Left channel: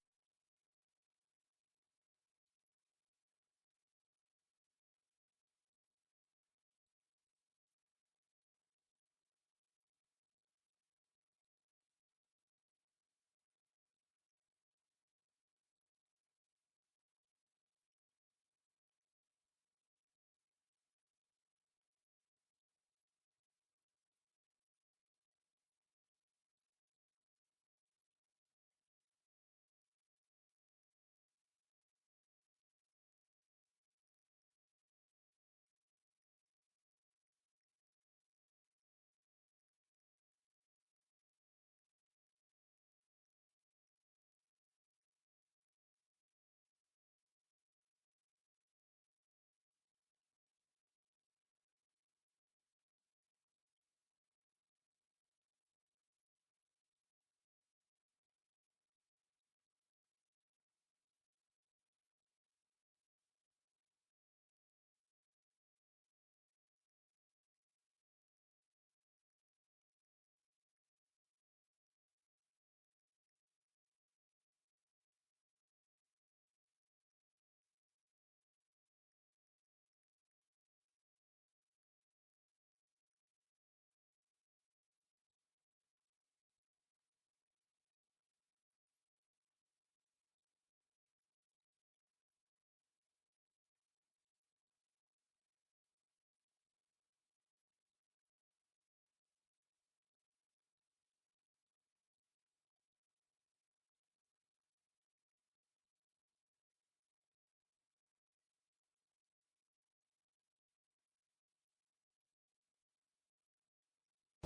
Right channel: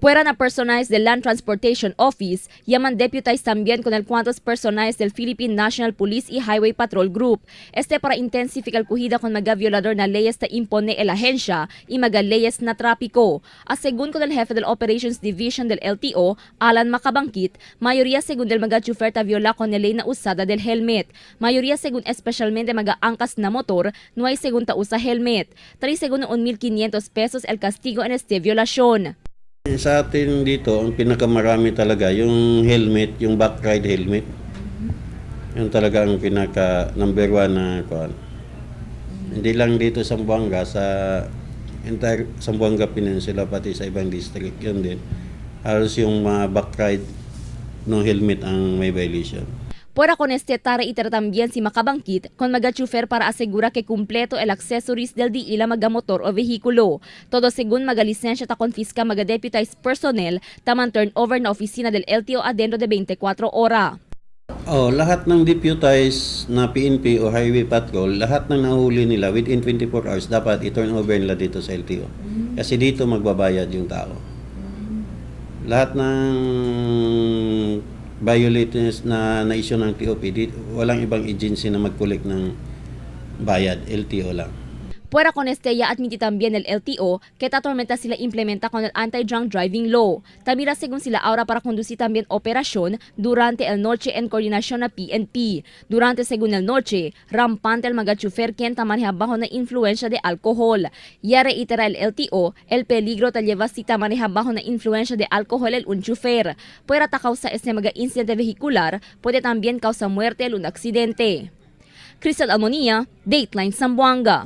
Fuera na personajes del Land Transportation Office, llaman deputized también con el cuantos personajes del Philippine National Police y Highway Patrol Group. Para intensificar cuhida con mga violador na leyes na impone el ahensya y mga leyes na trapiko. Según con el jefe del Operations Division del LTO, Alan Macabangkit, mayoría según del mga chofer ta viola con el ley na usada del helmet. Mayoría según especialmente mga angkas na motor, no hay según ta usa helmet. 3 según 1,500 pesos el castigo en este violación. Sa atin dito, ang pinakamarami talaga yung helmet, yung back ride helmet. Yun talaga ang pinaka number 1 na kuan. Hindi lang dito sa Zamboanga, sa entire Zamboanga Peninsula, pati sa ibang district, yun din. Halos yung mga back ride no helmet ang may violation. Fuera con tara itera también si Macabangkit con mga chofer para asegura que kumpleto el accessories del di ila mga motor o vehikulo. Todo según mga lisensya ta konfiska mga deputized personnel tamang turnover na opisina del LTO adentro de 24 ora. Lahat ng deputized na PNP o Highway Patrol, lahat ng nahuli nila within 24 hours dapat i-turn over nila dito sa LTO. Kasi dito magbabayad yung tao. Lahat ng violators na issue ng TOP, walang ibang agency na mag-collect ng bayad, LTO lang. Fuera con ya admiti también el LTO que tatormenta sila implementa con el anti-drunk driving law. Tamira según sila ahora para conducir también operasyon durante el noche en coordinasyon na PNP. Durante según el noche, rampante el mga chofer quien tamaneja bajo na influensya de alcohol. Ya reitera el LTO el peligro ta lleva si tamaneja bajo na influensya de alcohol el un chofer. Fuera ta causa este mga incidente vehicular, puede también causa muerte el un aksidente. Crystal Almonía, Dateline Zamboanga.